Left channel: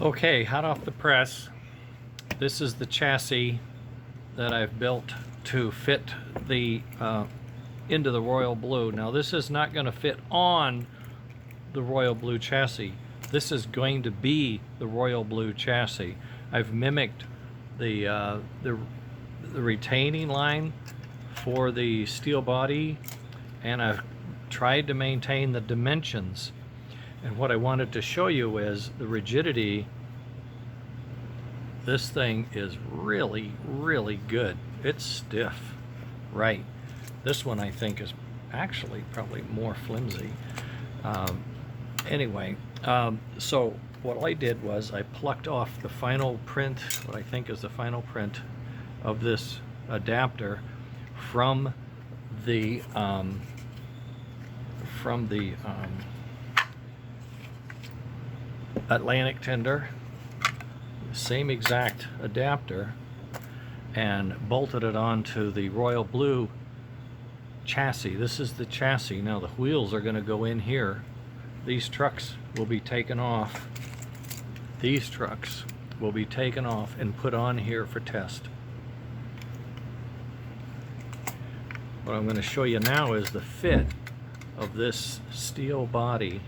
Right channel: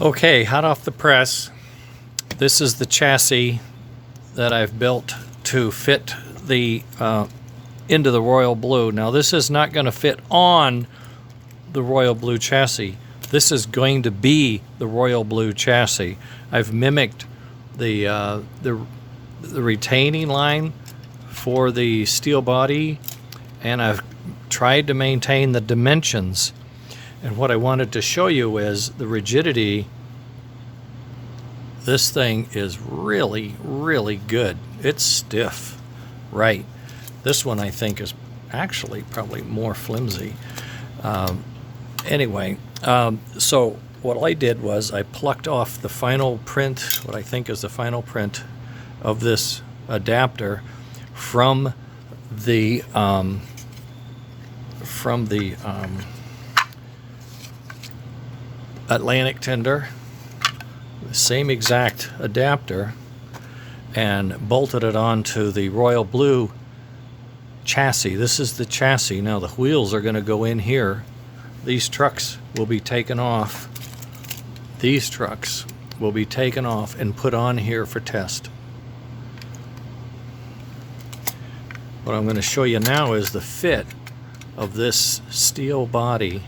Okay, hot off the press, this is the chassis that I've built to fit the into the royal blue. Now this is not going to fit on the royal blue chassis. This is going to be the royal blue chassis. I've mimicked the retaining line for the steel body, and I've tried to maintain the dimensions. And what I wanted to show you is the rigidity. This thing is really, really good. It's stiff, right? This one I think is actually probably more flimsy. Anyway, so what I did was I plucked off the final print, what I think is the final print of this adapter from the Atlantic tender, the same exact adapter, and bolted it onto the royal blue chassis. This is the chassis. Now the wheels are going to go in here. These trucks will be taken off. These trucks will be taken off and put on here for test. What I'm going to show you now is the fit of this steel body.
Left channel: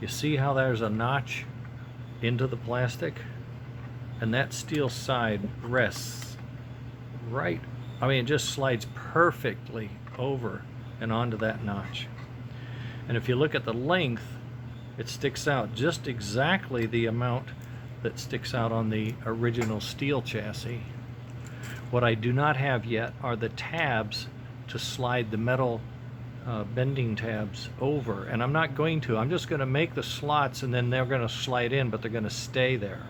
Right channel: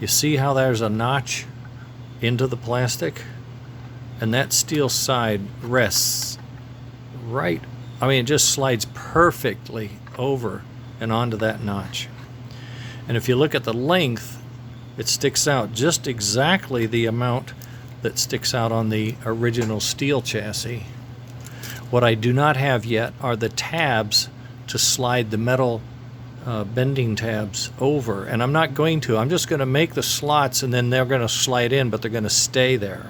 You see how there's a notch into the plastic? And that steel side rests right, I mean, it just slides perfectly over and onto that notch. And if you look at the length, it sticks out just exactly the amount that sticks out on the original steel chassis. What I do not have yet are the tabs to slide the metal bending tabs over, and I'm not going to. I'm just going to make the slots, and then they're going to slide in, but they're going to stay there.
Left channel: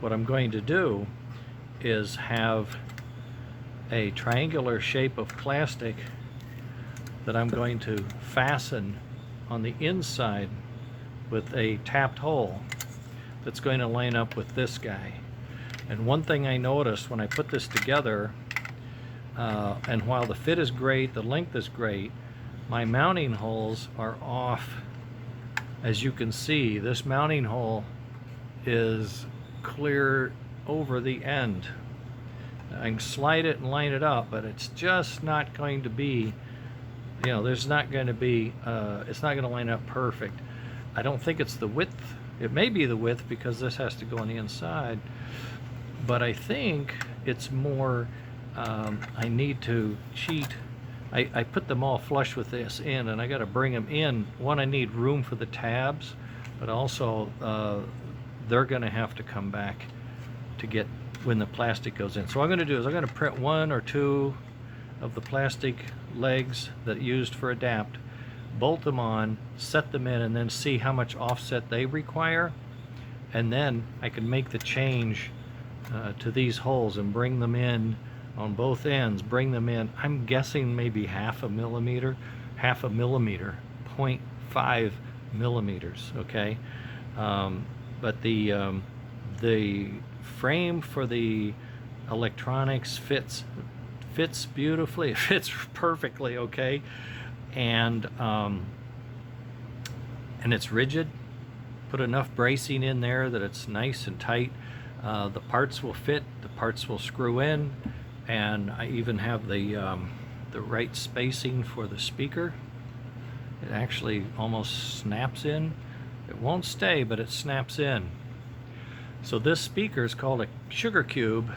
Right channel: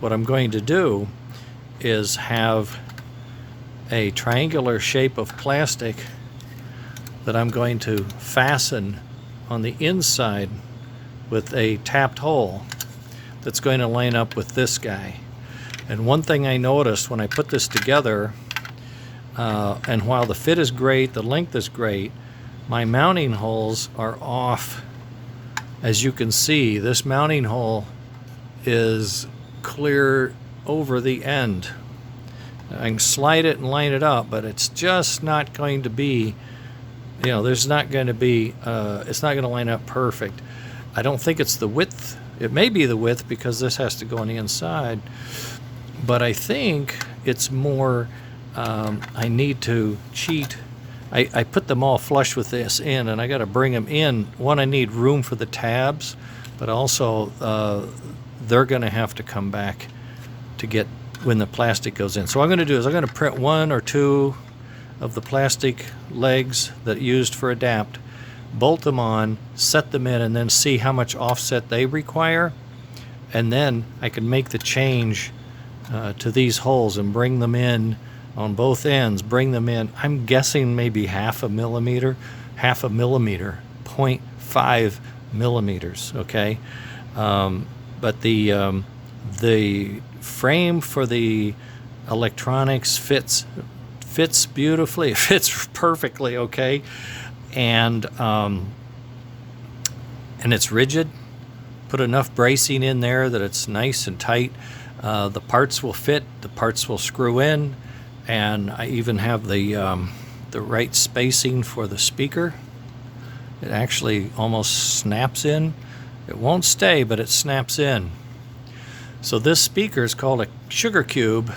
What I'm going to do is have a triangular shape of plastic that I'm going to fasten on the inside with a tapped hole that's going to line up with this guy. And one thing I noticed when I put this together, and while the fit is great, the length is great, my mounting holes are off. As you can see, this mounting hole is clear over the end. I can slide it and line it up, but it's just not going to be, you know, there's not going to be, it's not going to line up perfect. I don't think it's the width. It may be the width because this has to go on the inside, but I think it's more, I need to cheat. I put them all flush with this in, and I got to bring them in. One, I need room for the tabs, but also they're going to have to come back to get when the plastic goes in. So what I'm going to do is I'm going to print one or two of the plastic legs that used for adapt, bolt them on, set them in, and then see how much offset they require, and then I can make the change to these holes and bring them in on both ends, bring them in. I'm guessing maybe half a millimeter, 0.5 millimeters, okay? But the frame for the electronics fits beautifully, it fits perfectly, okay? And it's rigid. Put enough bracing in there that it's nice and tight. The parts will fit, the parts will screw in, and I even have the right spacing for the speaker. It actually almost snaps in. It won't stay, but it snaps in. So this speaker is called a sugar cube,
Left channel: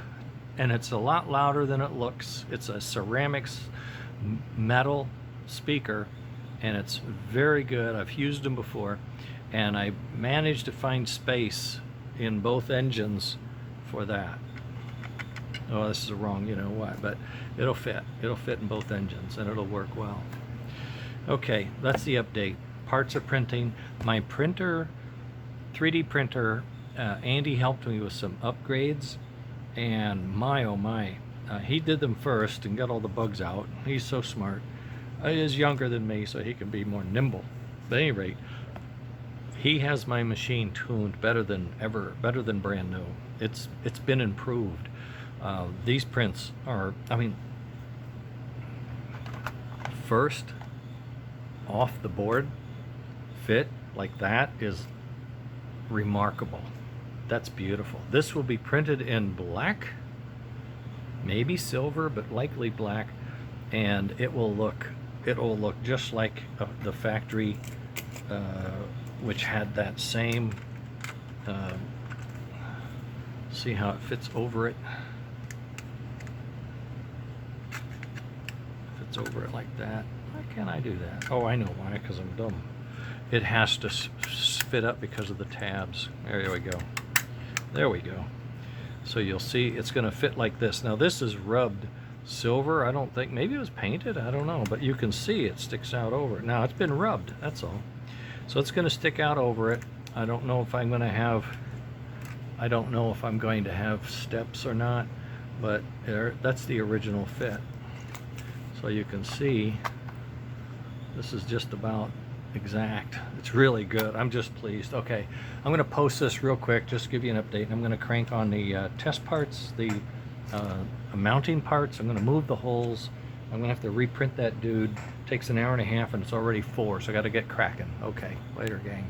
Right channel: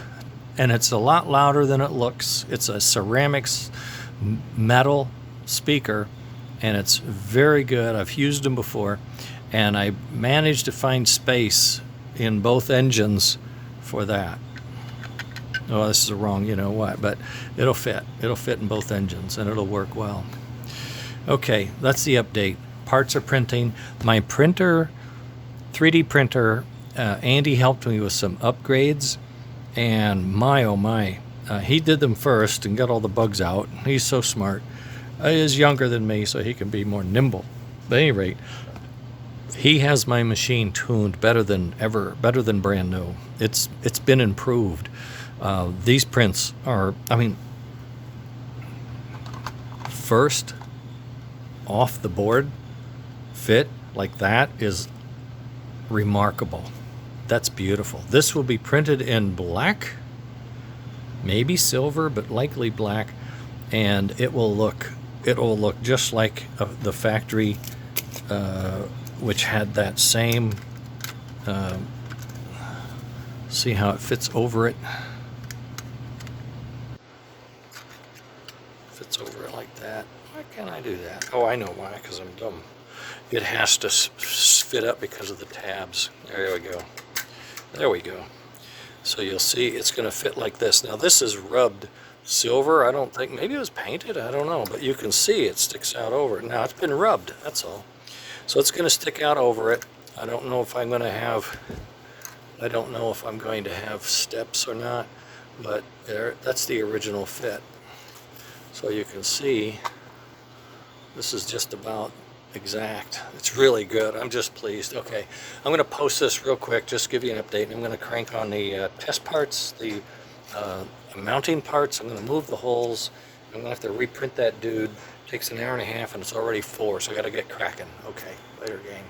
and it's a lot louder than it looks. It's a ceramics metal speaker, and it's very good. I've used them before, and I managed to find space in both engines for that. Oh, this is the wrong, you know what, but it'll fit. It'll fit in both engines, and it'll work well. Okay, that's the update. Parts are printing. My printer, 3D printer, Andy helped me with some upgrades, and my, oh my, he did them first and got all the bugs out. He's so smart. He is younger than me, so he can be more nimble. But at any rate, he has my machine tuned better than ever, better than brand new. It's been improved. These prints are, I mean, first off the board fit like that is remarkable. That's beautiful. This will be printed in black, maybe silver, but likely black, and it will look just like the factory, which had that same. See how it fits over it? Fits over it like that. Why can't I do that? Oh, I know why, because I'm dumb. It has to fit up because of the tabs. There we go. There we go. So you'll see it's going to fit like this. Now this is rubbed silver. I don't think, maybe it was painted, I don't know, but you can see it sticks out over it. Now it's been rubbed, that's all. So it's going to stick out over it. I don't know if I'm going to have steps or not, but that's the original fit. So you can see this is just about exact. It's really good. I'm just pleased. Okay, I'm going to post this real quick, just give you an update, and I'm going to crank on the test parts, the mounting parts. I'm going to move the holes. I'm going to have to reprint that dude. Takes an hour and a half, and it's already 4, so I got to get cracking. Okay, later, gang.